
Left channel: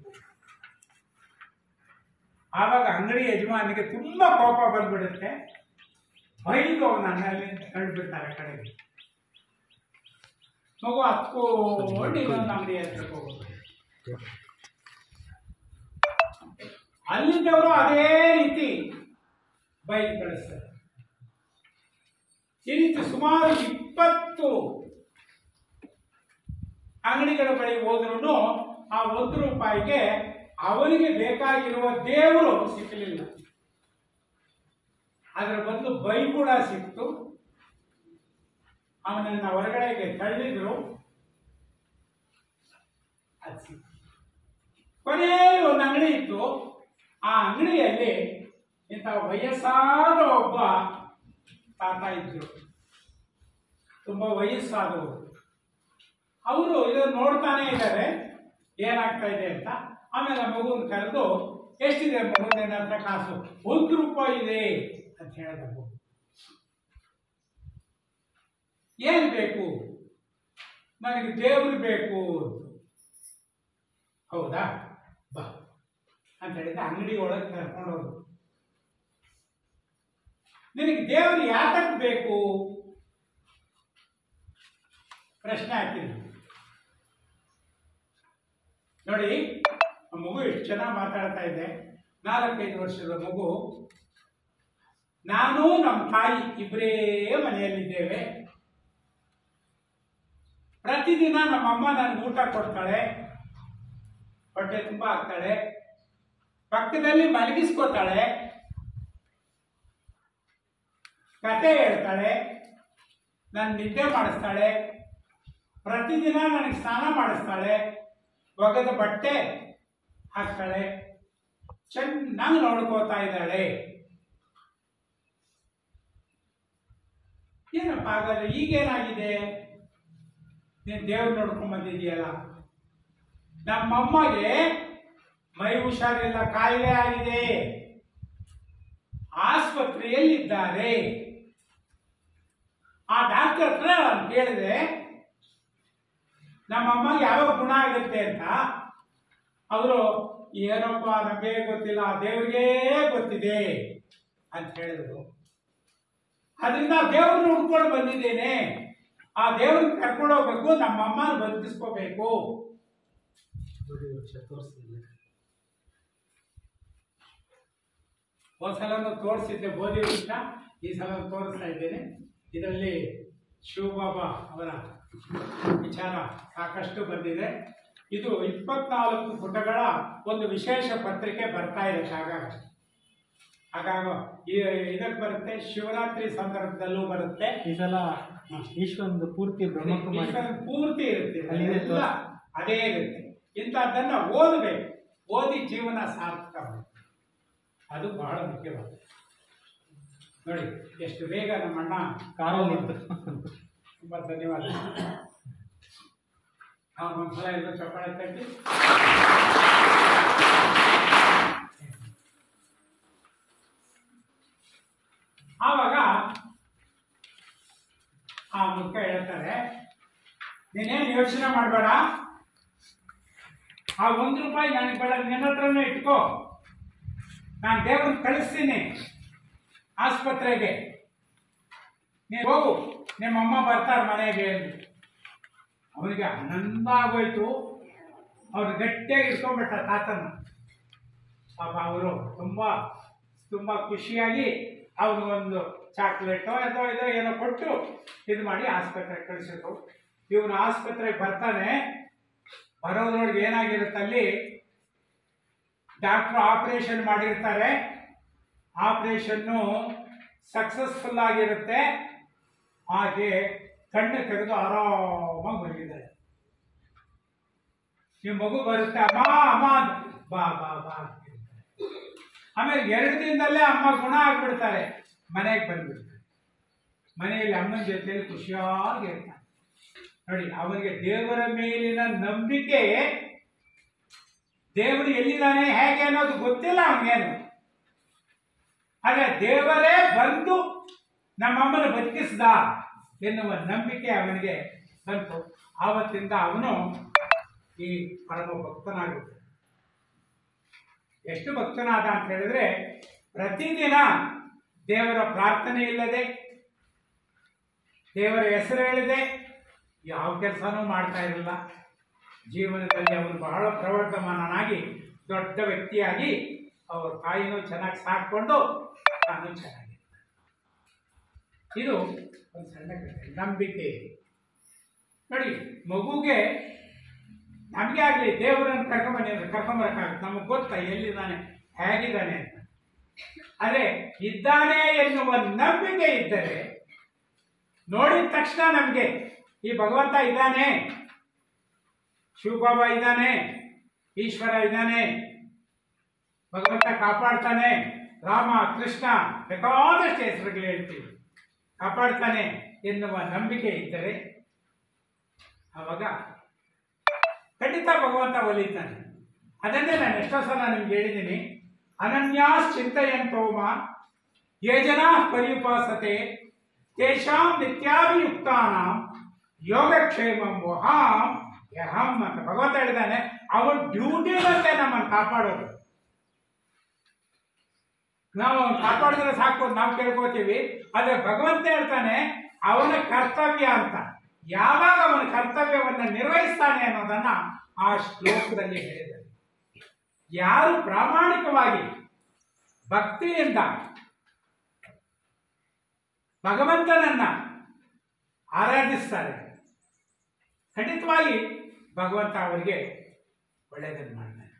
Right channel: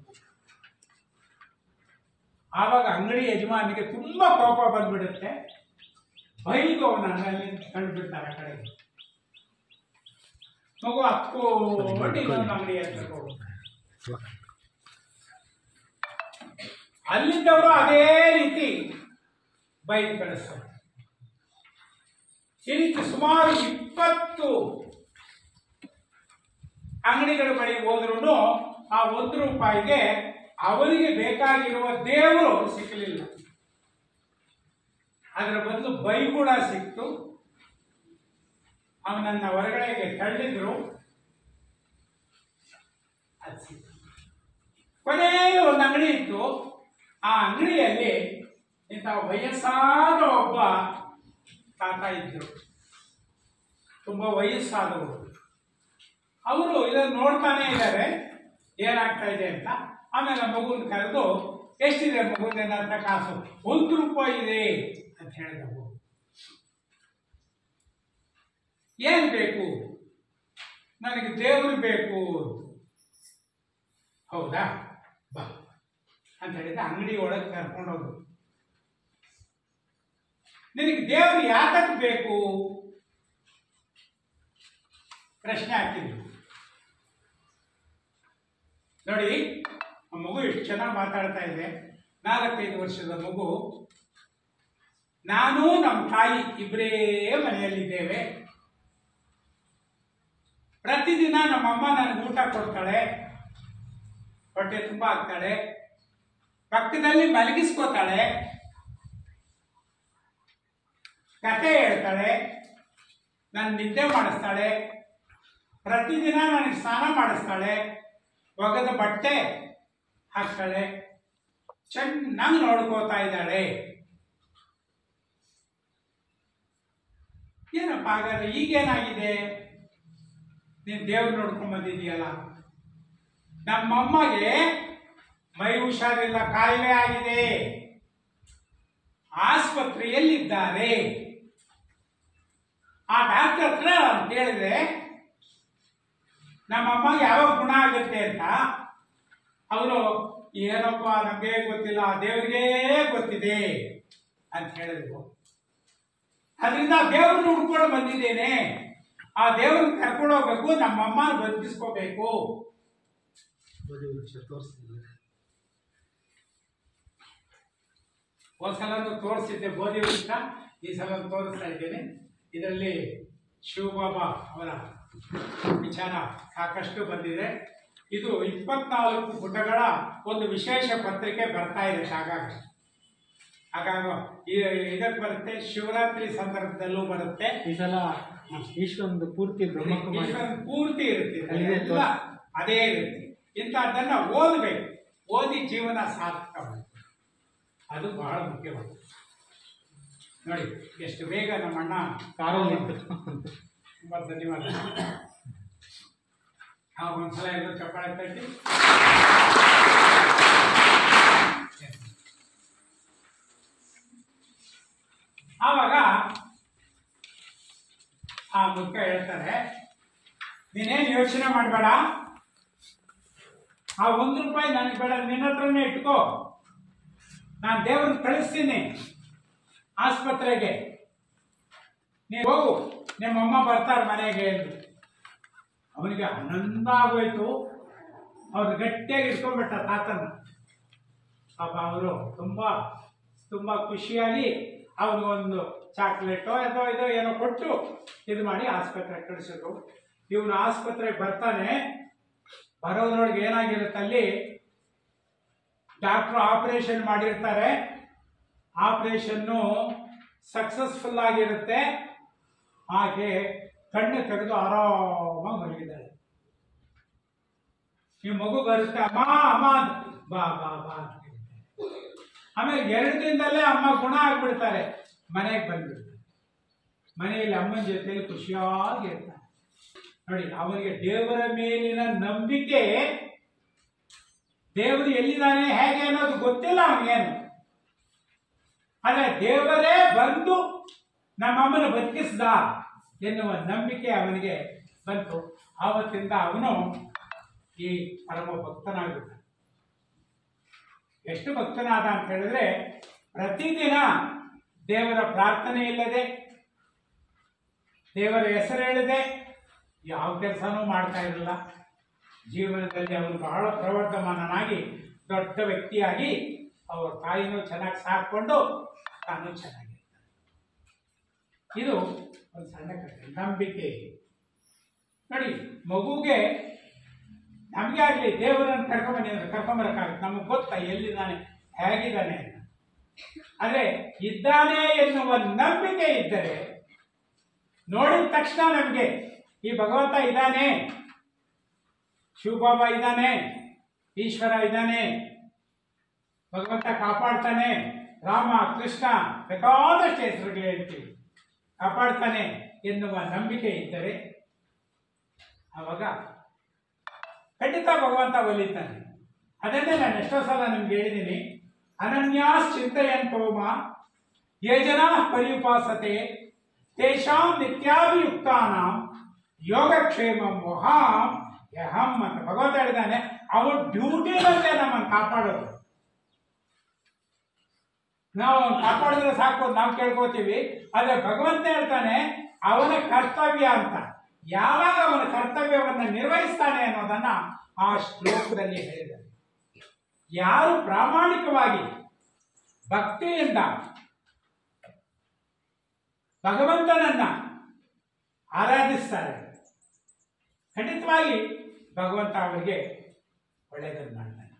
ಆವಾಗ ಅಂಗಡಿ ಯಜಮಾನಿಗೆ ತುಂಬಾ ಕೋಪ ಬಂದ್ಬಿಡುತ್ತೆ. ಬೈದು ಅವನಲ್ಲಿ ಕಂಡುಬಿಡ್ತಾರೆ ಕಡೆಗೆ. ಮಗು ಹತ್ಕೊಂಡು ಇನ್ನೊಂದು ಅಂಗಡಿ ಹತ್ರ ಹೋಗುತ್ತೆ. ಅಲ್ಲಿದ್ದವರು ಅದೇ ರೀತಿ ಬೈಕ್ ಕಳಿಸ್ತಾರೆ. ಈ ರೀತಿ ಸುಮಾರು 20 ಅಂಗಡಿಗಳ ಬಳಿ ಹೋದ್ರೂ ಆ 1 ರೂಪಾಯಿಗೆ ಅವನಿಗೆ ಬೇಕಾಗಿರುವ ದೇವರು ಸಿಕ್ಕಲಿಲ್ಲ. ಅದರ ಬದಲು ಬೈಗುಳ ಸಿಕ್ತು. ಅವನನ್ನ ಹೊರಗಡೆಗೆ ತಳ್ಳಿದ್ರು. ಅದು ಸಿಕ್ತು. ಕೊನೆಯಲ್ಲಿ ಒಂದು ಅಂಗಡಿ ಇತ್ತು. ಆ ಅಂಗಡಿಯಲ್ಲಿ ಇಂಥ ವಯಸ್ಸಾದ ಒಬ್ಬ ತಾತ ಇದ್ರು, ತುಂಬಾ ವಯಸ್ಸಾದವರು. ಅವರು ಇದನ್ನು ನೋಡ್ತಾನೆ ಇದ್ದಾರೆ ಏನಾಗ್ತಾ ಇದೆ ಅಂತ. ಆಮೇಲೆ ಮಗುನ ಕರೆದು, ಎಷ್ಟಿದೆ ಮಗುನ ಹತ್ರ ಕಾಸು? 1 ರೂಪಾಯಿ ಇದೆ ಅಂತ ಹೇಳಿದ ಮಗು. ಏನ್ ಬೇಕು? ನನಗೆ ದೇವರು ಬೇಕು. ಹೌದಾ, ಬಾ ಅಂತ ಹೇಳಿದ. ಅಂಗಡಿ ಒಳಗೆ ಕರ್ಕೊಂಡೋದು. ನಿನಗೆ ದೇವರು ಯಾತಕ್ಕೆ ಬೇಕು? ಪ್ರಶ್ನೆ ಹಾಕಿದ್ರು. ನೋಡಿ, ಆ ಮಗು ಎಷ್ಟು ಚೆನ್ನಾಗಿ ಮಾತಾಡ್ತಾ ಇದೆ. 4-5 ವರ್ಷದ ಮಗು. ನಾನು ನಮ್ಮ ತಾಯಿ ಇಬ್ಬರೇ ಮನೆಯಲ್ಲಿದ್ದೇವೆ. ಪ್ರತಿದಿನ ನಮ್ಮಮ್ಮ ನನಗೆ ಊಟ ಕೊಡ್ತಾಳೆ, ಹೊಟ್ಟೆ ತುಂಬ ಹಾಕ್ತಾಳೆ, ಪಕ್ಕದಲ್ಲಿ ಮಲಗಿಸ್ಕೋತಾಳೆ, ಕತೆ ಹೇಳ್ತಾಳೆ, ನಾನು ನಿದ್ದೆ ಮಾಡಿಸ್ತಾಳೆ, ಪ್ರತಿದಿನ ನನಗೆ ಸ್ನಾನ ಮಾಡಿಸ್ತಾಳೆ, ಒಗೆದ ಬಟ್ಟೆ ಹಾಕ್ತಾಳೆ, ಚೆನ್ನಾಗಿ ನೋಡ್ಕೋತಾ ಇದ್ದಾಳೆ. ಏನಪ್ಪ ಹಾಗಾದ್ರೆ ಈಗೇನಾಗಿದೆ? ನೀನು ದೇವ್ರು ನೋಡ್ಕೊಂಡ್ ಬಂದಿದೀಯಲ್ಲ. ನಮ್ಮಮ್ಮಗೆ ಮೈ ಹುಷಾರಿಲ್ಲ, ಕಾಯಿಲೆ ಆಗಿದೆ, ಆಸ್ಪತ್ರೆಯಲ್ಲಿದ್ದಾರೆ. ಆ ಡಾಕ್ಟರ್ ಹತ್ರ ಕೇಳಿದೆ, ನಮ್ಮಮ್ಮಗೆ ಯಾವಾಗ ಗುಣ ಆಗುತ್ತೆ ಅಂತ ಅವರು ಏನಪ್ಪ ನಮಗೆ ಗೊತ್ತಿಲ್ಲ, ದೇವ್ರಿಗೇ ಗೊತ್ತಿದೆ ಅಂತ ಹೇಳಿದ್ರು. ಅದರಿಂದ ದೇವ್ರನ್ನ ಹುಡ್ಕೊಂಡು ಬಂದಿದ್ದೇನೆ, ಆ ದೇವ್ರನ್ನ ಕರ್ಕೊಂಡು ಹೋಗ್ಬೇಕು, ನಮ್ಮಮ್ಮನ ಬದುಕಿಸ್ಕೋಬೇಕು. ಒಂದ್ಸಲನೂ ತೋರಿಸಿದ್ದೆ ಬೋಧಿ ವೃಕ್ಷ, ಈ ಸಲ ತೋರಿಸ್ತಾ ಇದ್ದೇನೆ. ಇದರಲ್ಲಿ ಶಿವಬಾಬಾ ಅವರ ವಿಚಾರ ಸಾಕಷ್ಟು ಬಂದಿದೆ. ಇದು 24 ಪುಟಗಳ ಒಂದು ವಿಶೇಷ ಪತ್ರಿಕೆ ಬರ್ತಾ ಇದೆ ಆಗಾಗ ಇದಕ್ಕೆ ಬರುತ್ತೆ. ಶಿವರಾತ್ರಿ ಸಂದರ್ಭದಲ್ಲೂ ಬರುತ್ತೆ. ಈ ಸಲ ಈಶ್ವರನ ಪೂರ್ತಿ ಈಶ್ವರನ ಪೂರ್ತಿ ಇರುತ್ತೆ, ಎಲ್ಲ ಅದೇ ಇರುತ್ತೆ. ಇಂಥದ್ದನ್ನು ಓದಬೇಕು, ಓದಿ ಜೀವನ ಸಾರ್ಥಕ ಮಾಡಿ, ಅದು ಬಹಳ ಮುಖ್ಯವಾಗಿದೆ. ನೋಡಿ ಎಷ್ಟು ಬೇಗ ನಮ್ಮಣ್ಣ ತುಂಬ ಧನ್ಯವಾದ. ಒಂದ್ಸಲ ಎಲ್ಲರೂ ಚಪ್ಪಾಳೆ ತಟ್ಟಿ. ಆವಾಗ ಆ ಮುಖ ಹೇಳ್ತಾರೆ, ನೀನೇನು ಯೋಚನೆ ಮಾಡಬೇಡ, ಆ ₹1 ನನಗೆ ಬೇಡ, ನಿನ್ನ ಹತ್ರನೇ ಇಟ್ಕೋ, ನಾನು ದೇವ್ರನ್ನ ಕಳಿಸ್ತೀನಿ ಆಸ್ಪತ್ರೆಗೆ, ನೀನು ಹೋಗು, ನಿಮ್ಮಮ್ಮ ಬರ್ತಾರೆ ಮನೆಗೆ ಎಂದು. ಅವನಿಗೆ ಆನಂದ ಆಗೋಯ್ತು. ಅವ್ರು ಗಟ್ಟಿಯಾಗಿ ಇಟ್ಕೊಂಡ್ಬಿಟ್ಟ ತಾತನ. ಪಾಪ ಅವರು ತುಂಬ ಖುಷಿಯಾಗಿ ಅವ್ರಿಗೊಂದು ಚಾಕ್ಲೇಟೋ ಇದೋ ಏನೋ ಕೊಟ್ಟು ಇದು ಮಾಡಿ ಆಸ್ಪತ್ರೆಗೆ ಕಳಿಸಿದ್ರು. ಇವನು ಆಸ್ಪತ್ರೆಗೆ ಬರ್ತಾನೆ. ಬರೋದ್ರೊಳಗೆ ಏನಾಗಿರುತ್ತೆ, ಅಲ್ಲಿ ಡಾಕ್ಟ್ರು ಆಪರೇಷನ್ ಮಾಡಿರ್ತಾರೆ. ಆಪರೇಷನ್ನು ಸಕ್ಸಸ್ಫುಲ್ ಆಗಿರುತ್ತೆ. ಹಾಗೆ ಕಣ್ಣು ತೆಗೆದು ಆರಾಮಾಗಿ ಮಲಗಿದ್ದಾಳೆ. ಈ ಮಗು ಬರುತ್ತೆ, ಅಮ್ಮ ಅಮ್ಮ ಬಾ ಬಾ ಬಾ ಅಂತ. ಆಮೇಲೆ 2 ದಿನದಲ್ಲೇ ಅಮ್ಮ ಗುಣ ಆಗ್ಬಿಡ್ತಾರೆ, ಮನೆಗೆ ಬಂದ್ಬಿಡ್ತಾರೆ. ಮನೆಯಲ್ಲಿ ಅಮ್ಮನ ಜೊತೆಯಲ್ಲಿ ಖುಷಿಯಾಗಿರ್ತಾರೆ. ನೋಡಿ, ಅವನಿಗೆ ದೇವರ ಮೇಲಿನ ನಂಬಿಕೆ, ದೇವರು ಎಲ್ಲಿದ್ದಾನೆ ಹೇಗೆ ಅನ್ನೋದು ಗೊತ್ತಿಲ್ಲ ಅವನಿಗೇನು. ಆದರೆ ದೇವರೇ ಬಂದು ನಮ್ಮಮ್ಮನ ಬದುಕಿಸ್ದ ಎನ್ನುವ ನಂಬಿಕೆ ಅವನಿಗೆ ಬಂತು. ಆವತ್ತಿಂದ ಅವನು ಈ ಪರಮ ಭಕ್ತನಾಗುತ್ತೆ. ಎಷ್ಟು ಭಕ್ತನಾದ ಅಂತ ಹೇಳಿದ್ರೆ, ಪ್ರತಿದಿನ ದೇವರ ಪ್ರಾರ್ಥನೆ ಇಲ್ಲದೆ, ದೇವರ ಹೆಸರು ಹೇಳಿದೆ ಯಾವ ಕೆಲಸನೂ ಮಾಡ್ತಾ ಇರಲಿಲ್ಲ. ಜೀವನದಲ್ಲಿ ಅವನು ಬಹಳ ಪ್ರವರ್ಧಮಾನನಾಗಿ ದೊಡ್ಡ ವ್ಯಕ್ತಿಯಾಗಿ ಅವರ ತಾಯಿನೂ ಚೆನ್ನಾಗಿ ಸಾಕೊಂಡು ತಾನು ಚೆನ್ನಾಗಿರ್ತಾನೆ. ಇದು ಒಂದು ಸಣ್ಣ ಕಥೆ, ನಂಬಿಕೆ. ನೋಡಿ, ಮಗುಗೆ ನಮಗೆ ಆಗಲಿ ದೇವರನ್ನು ಕರ್ಕೊಂಬರಕ್ಕಾಗುತ್ತೆ, ನಮಗೆ ಗೊತ್ತಾ ಎಲ್ಲಿದ್ದಾನೆ ಹೇಗಿದ್ದಾನೆ ಅಂತ. ಆದರೆ ಇದ್ದಾನೆ ಎನ್ನುವ ನಂಬಿಕೆ ಇದ್ದರೆ, ನೋಡಿದ ತಕ್ಷಣ ನಮಗೆ ಈ ಭಗವಂತ ಇದ್ದಾನೆ, ಶಿವಬಾಬಾ ಇದ್ದಾನೆ, ಈಶ್ವರ ಇದ್ದಾನೆ, ಭಗವಂತ ಕಾಪಾಡ್ತಾನೆ, ರಾಮ ಕೃಷ್ಣ ಬೇಕಾದಷ್ಟು ಹೆಸರುಗಳು ಹೇಳ್ತೀವಿ, ಕಾಪಾಡ್ತಾನೆ ಎನ್ನುವ ನಂಬಿಕೆ ಇದ್ದರೆ ಆವಾಗ ಖಂಡಿತ ಭಗವಂತ ಒಲಿತಾನೆ. ಅದನ್ನೇ ನಾನು ಎಷ್ಟೋ ಸಲ ನಿಮ್ಗೆ ಹೇಳಿದ್ದೀನಿ. ಅನನ್ಯಾಸ್ ಚಿಂತೆಯಂತೋಮ ಯೇ ಜನಾ ಪರ್ಯುಪಾಸತೆ ತೇಷಾಂ ನಿತ್ಯಾಭಿಯುಕ್ತಾನಾಂ ಯೋಗಕ್ಷೇಮಂ ವಹಾಂ ಯಹಂ ಅಂತ ಭಗವಂತ ಹೇಳಿದ್ದಾನೆ. ಅವನ ಡ್ಯೂಟಿನಂತೆ ನಮ್ಮನ್ನು ಕಾಪಾಡೋದು. ನಾವು ಅವನು ಕಾಪಾಡಿದ್ರೆ ಸಾಕು ನಾವು ಕೇಳ್ಕೋತೀವಿ. ಆದರೆ ಭಗವಂತ ಹೇಳ್ತಾನೆ ಅವನ ಕರ್ತವ್ಯ ಅಂತ. ಯಾವಾಗ ಅವನ ಕರ್ತವ್ಯವನ್ನು ನಿರ್ವಹಿಸ್ತಾನೆ ಅನ್ನೋದನ್ನ ಆ ಶ್ಲೋಕದಲ್ಲಿ ಹೇಳಿದ್ದಾರೆ. ಯಾರು ಪ್ರಾಮಾಣಿಕವಾಗಿ ಭಕ್ತಿಯಿಂದ ಭಗವಂತನನ್ನ ಆರಾಧಿಸ್ತಾರೆ, ಖಂಡಿತವಾಗಿ ಭಗವಂತ ಅವರಿಗೆ ಒಳ್ಳೆಯದನ್ನು ಮಾಡ್ತಾನೆ.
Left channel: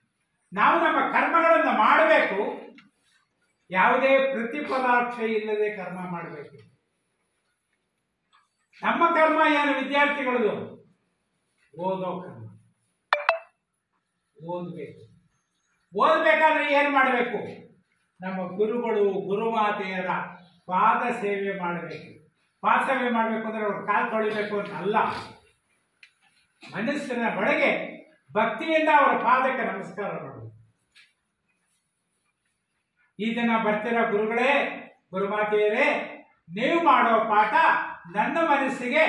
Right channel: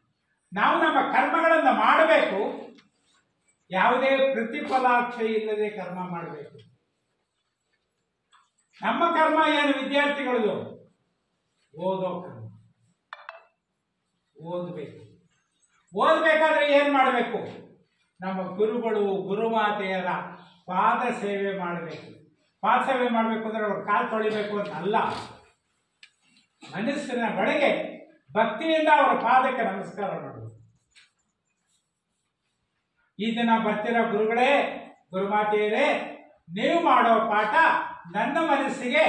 ನಾವು ನಮ್ಮ ಕರ್ಮಗಳನ್ನು ಮಾಡಬೇಕು, ಯಾವುದೇ ಪ್ರತಿಫಲಾಪೇಕ್ಷೆ ಇಲ್ಲದೆ ಕರ್ಮ ಮಾಡಬೇಕು. ನಮ್ಮ ಕರ್ಮ ಏನು ವಿದ್ಯಾರ್ಥಿಗಳದು? ಓದೋ ಕರ್ಮ. ಓದಬೇಕಾದ್ರೆ ಏನು ಮಾಡಬೇಕು? ನಮ್ಮ ಗುರುಗಳು ಗುರುಮಾತೆಯರ ಪಾದ ಸೇವೆ ಮಾಡಬೇಕು. ಪಾದ ಸೇವೆ ಮಾಡಬೇಕು ಅಂದರೆ ಅವ್ರ ಕಾಲು ತೊಳಿಬೇಕು ಅಂತ ಅಲ್ಲ, ಮನಸ್ಸಿನ ಒಳಗೆ ಭಕ್ತಿಯಿಂದ ಅವರ ಪಾದಕ್ಕೆ ನಮಸ್ಕಾರ ಮಾಡಬೇಕು. ಈ ದಿನ ಬರ್ತಿರೋ ಗುರುಗಳೇ, ಗುರುಮಾತೆಯರೇ, ನೀವು ಮಾಡೋ ಪಾಠ ನನ್ನ ಮನಸ್ಸಿಗೆ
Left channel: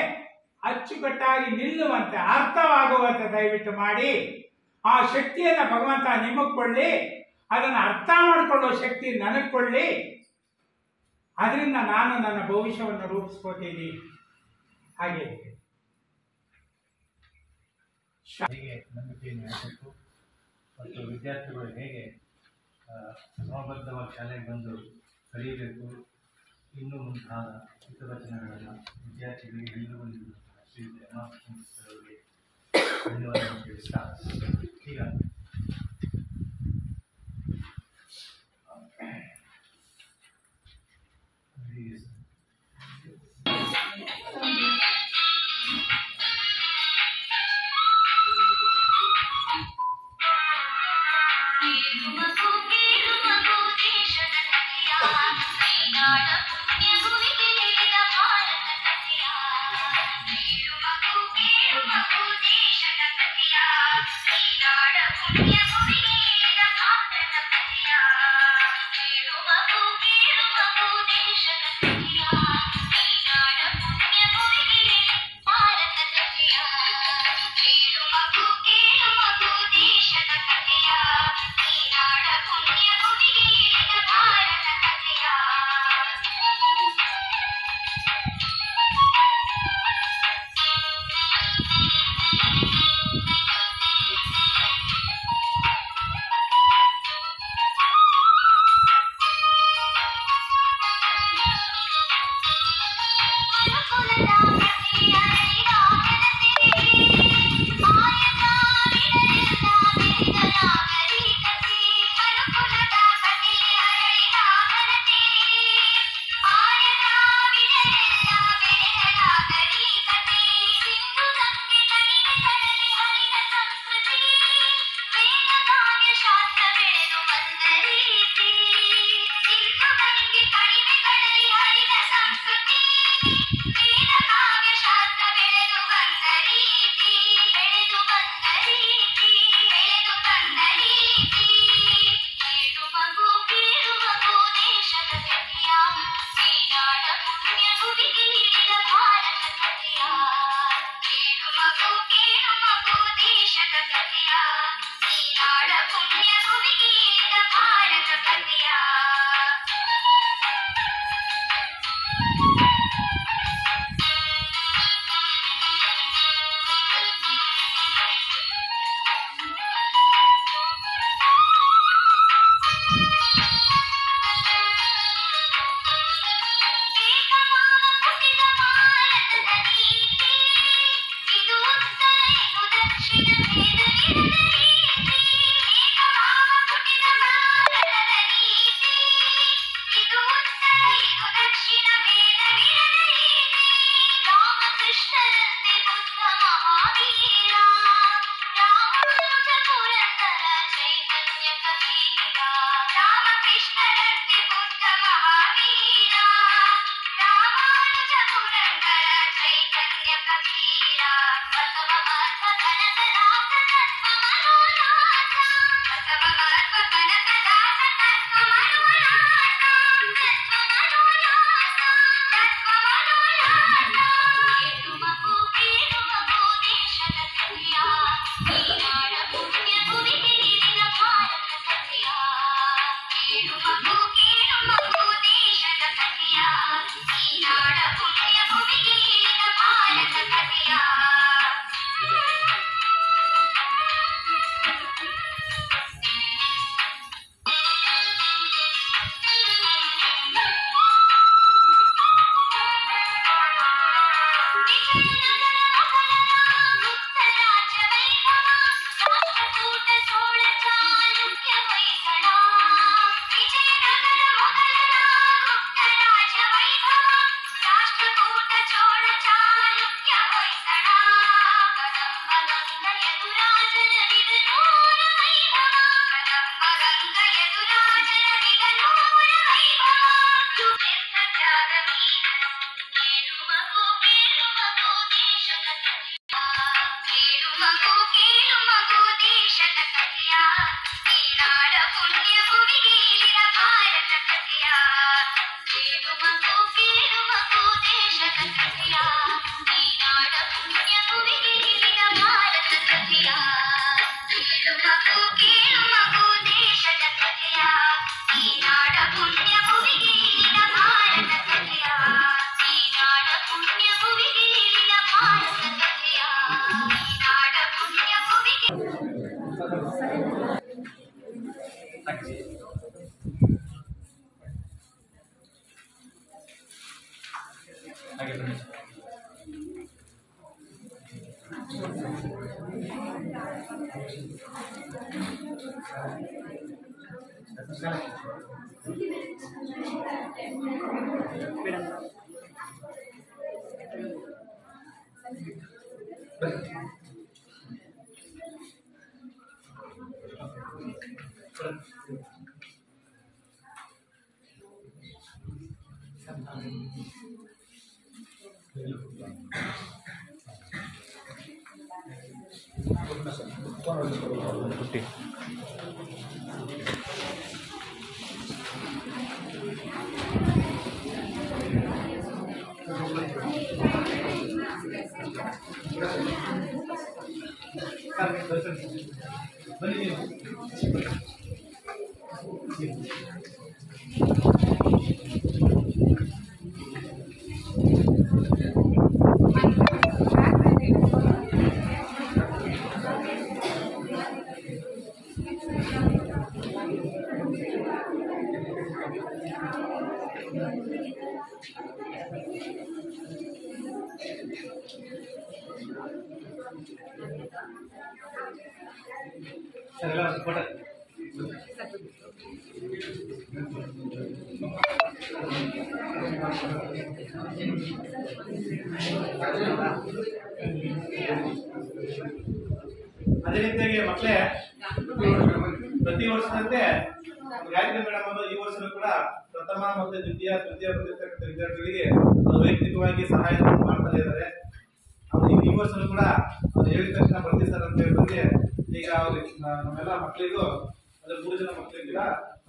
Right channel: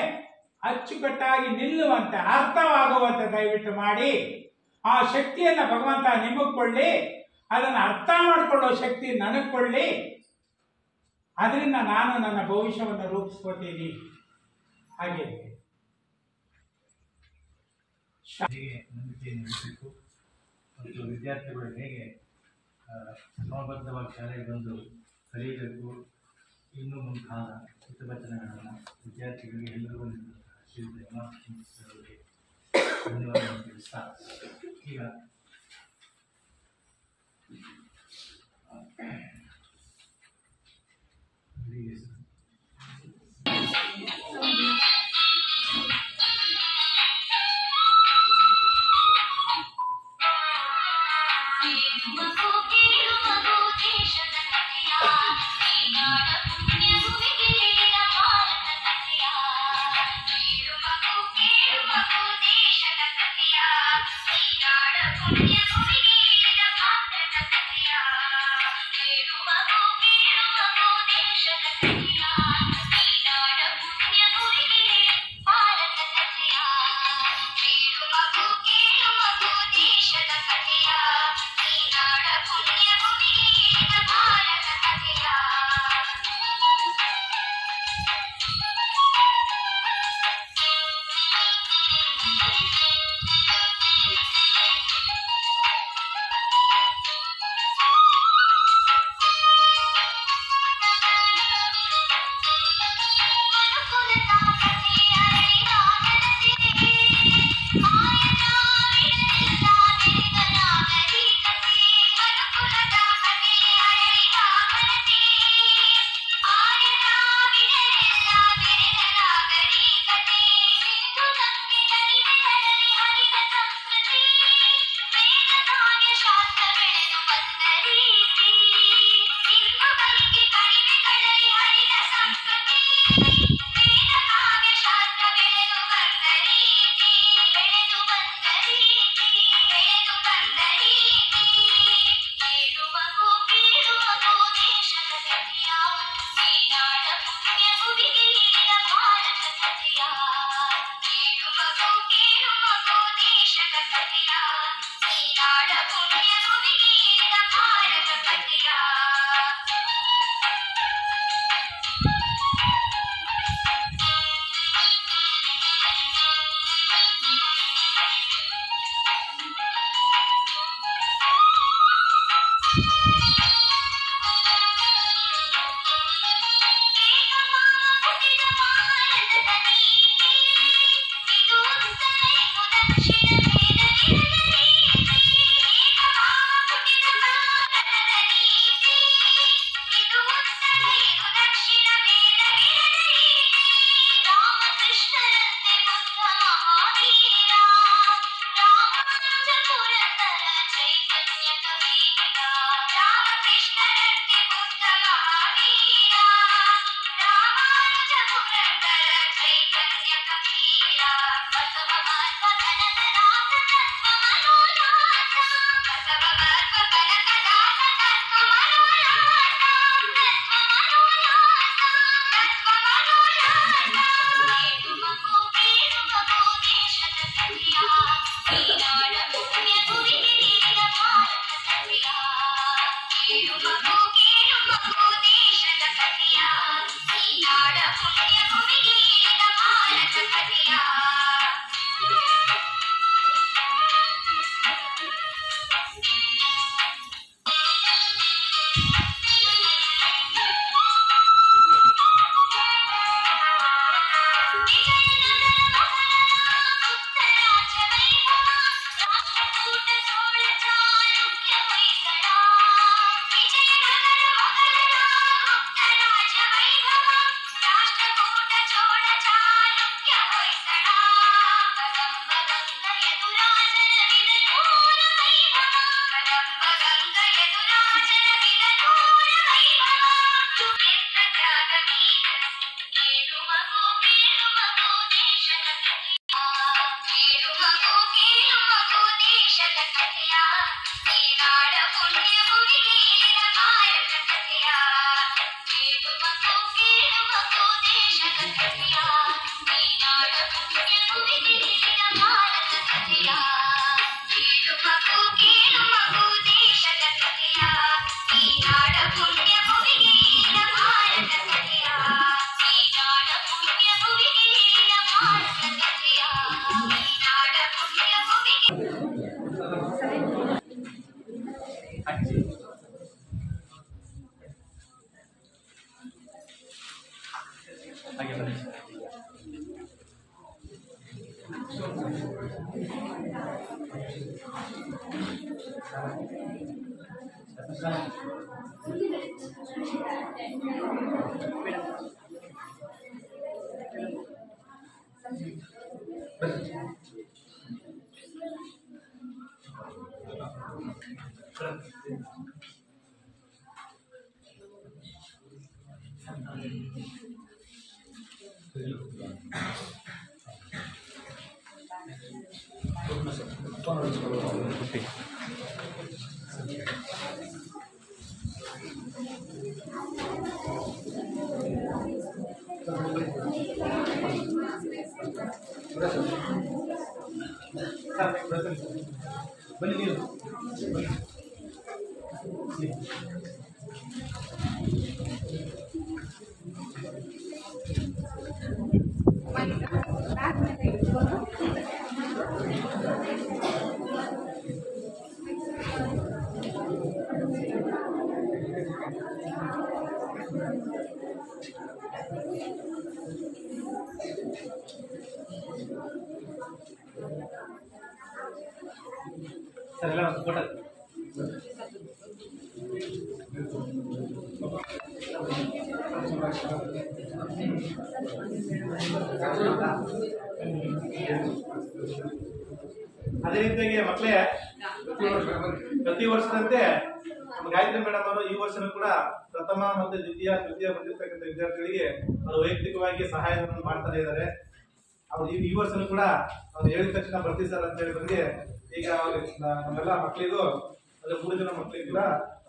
ಅಚ್ಚುಕಟ್ಟಾಗಿ ನಿಲ್ಲುವಂತೆ ಅರ್ಥವಾಗುವಂತೆ ದಯವಿಟ್ಟು ಮಾಡಿ. ಆ ಶಕ್ತಿಯನ್ನ ಭಗವಂತ ನಿಮಗೆ ಕೊಳ್ಳಿ, ಅದನ್ನು ಅರ್ಥ ಮಾಡಿಕೊಳ್ಳೋ ಶಕ್ತಿ ನನಗೆ ಕೊಳ್ಳಿ. ಅದರಿಂದ ನಾನು ನನ್ನ ಭವಿಷ್ಯವನ್ನು ರೂಪಿಸ್ಕೋತೀನಿ. ಹಾಗೆ ಹೇಗೆ ನಂಬಿಕೆಯನ್ನು ಇಡಬೇಕು ಮತ್ತು ವಿದ್ಯಾರ್ಥಿಗಳು ಹೇಗೆ ಕ್ರಮಬದ್ಧವಾಗಿ ಶಾಲೆಗೆ ಬಂದು ಕಲಿಯಬೇಕು, ಇನ್ನೂ ಮುಂತಾದ ಹಿತವಚನಗಳನ್ನು ವಿದ್ಯಾರ್ಥಿಗಳಿಗೆ ಎಲ್ಲರಿಗೂ ನೀಡುವಂತಹ ಶ್ರೀಯುತ ಅವರಿಗೆ ಧನ್ಯವಾದಗಳನ್ನು ತಿಳಿಸ್ತಾ ಈಗ ಬನ್ನಿ ನೀವು ಸರ್ ಎಲ್ಲ ಫೋಟೋ ಅದೇ ರೀತಿಯಾಗಿ ಮಕ್ಕಳೇ ಪ್ರತಿ ವರ್ಷದಂತೆ ಗಾಯತ್ರಿ ಮೇಡಮ್ ಅವರು ಈ ವರ್ಷನೂ ಕೂಡ ಪ್ರಥಮ ಮತ್ತು ದ್ವಿತೀಯ ಬಂದಿರತಕ್ಕಂಥ ವಿದ್ಯಾರ್ಥಿಗಳಿಗೆ ಅವರು ವೈಯಕ್ತಿಕವಾಗಿ ಸಹಾಯವನ್ನು ಮಾಡ್ತಾನೆ ಇದ್ದಾರೆ. ಅವ್ರು ಈ ವರ್ಷನೂ ಕೂಡ ಅವ್ರು ಹೇಳಿದ ತಕ್ಷಣ ಬರ್ತೀವಿ ಸರ್ ಅಂತ ಹೇಳಿದ್ರೆ ಈಗ ಅವ್ರಿಗೆ ನಮ್ಮೆಲ್ಲ ಮಕ್ಕಳಿಗೂ ಅಂದ್ರೆ 3 ಜನ ಮಕ್ಕಳಿಗೆ ಕೂಡ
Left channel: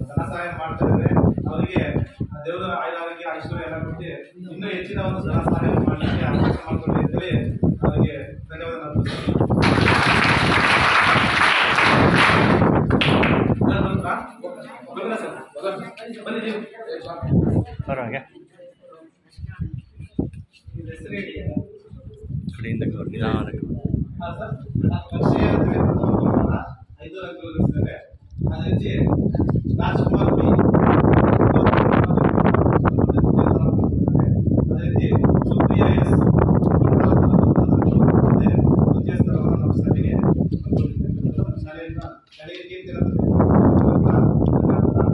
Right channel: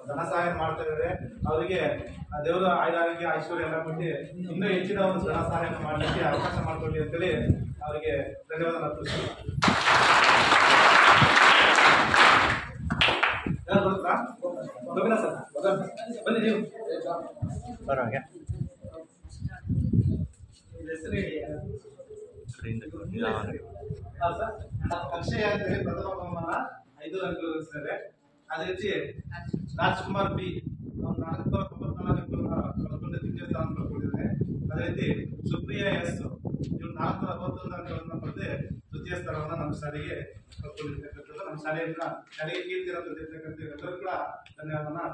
ಧನ ಸಹಾಯ ಮಾಡ್ತಾ ಇದ್ದಾರೆ. ಅವರಿಗೆ ದೇವರು ಆಯುರಾರೋಗ್ಯ ಐಶ್ವರ್ಯ ಎಲ್ಲ ಕೊಟ್ಟು ಇನ್ನೂ ಹೆಚ್ಚಿನ ಒಂದು ಧನ ಸಹಾಯ ಮಾಡಲಿಕ್ಕೆ ಅವಕಾಶ ಮಾಡಿಕೊಡಿ ಅಂತೇಳಿ ಅವರಿಗೆ ಧನ್ಯವಾದ ಅರ್ಪಿಸ್ತೀನಿ. ಬನ್ನಿ ನೀವು ಬರೋಗೆ ಹೆಸರು ಹೇಳಿ. ಕಡೆಯಿಂದ ಹಾಂ ಸರ್, ಅಕ್ಷಯ ಪ್ರಥಮ ಬಹುಮಾನ 5 ಅಂಕಗಳು ಗಳಿಸಿದ್ದಾರೆ. ಅದೇ ರೀತಿ ರಾಜ್ಕುಮಾರ್ ಬಿ ಅದೇ ರೀತಿ ಸುಪ್ರಿಯಾ ಎಸ್ 41 ಅಂಕಗಳನ್ನು ತೃತೀಯ ಸ್ಥಳವನ್ನು ನಮ್ಮ ಶಾಲೆಗೆ ತಂದುಕೊಟ್ಟಿರ್ತಕ್ಕಂಥದ್ದು. ನಮ್ಮ ಶಾಲೆಯಿಂದ ಶಾಲೆಗೆ ಕೀರ್ತಿಯನ್ನು ತಂದಿರ್ತಕ್ಕಂಥದ್ದು ಕೂಡ ಧನ್ಯವಾದವನ್ನು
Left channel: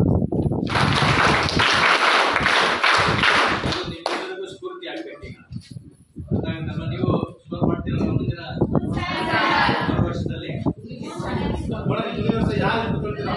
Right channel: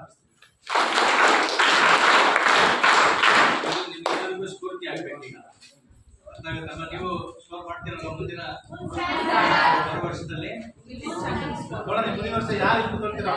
ನಿಮ್ಮೆಲ್ಲರಿಗೂ ಸ್ಫೂರ್ತಿ ಆಗಬೇಕು. ಈಗ ನಮ್ಮ ನೀವು ಸ್ಕೋರ್ ಮಾಡ್ತೀರಲ್ಲ ಮುಂದಿನ ವರ್ಷದಲ್ಲಿ ನೋಡೋಣ ಮುಂದಿನ ವರ್ಷ ಯಾರು ಗೊತ್ತಾಗ್ತೀರಾ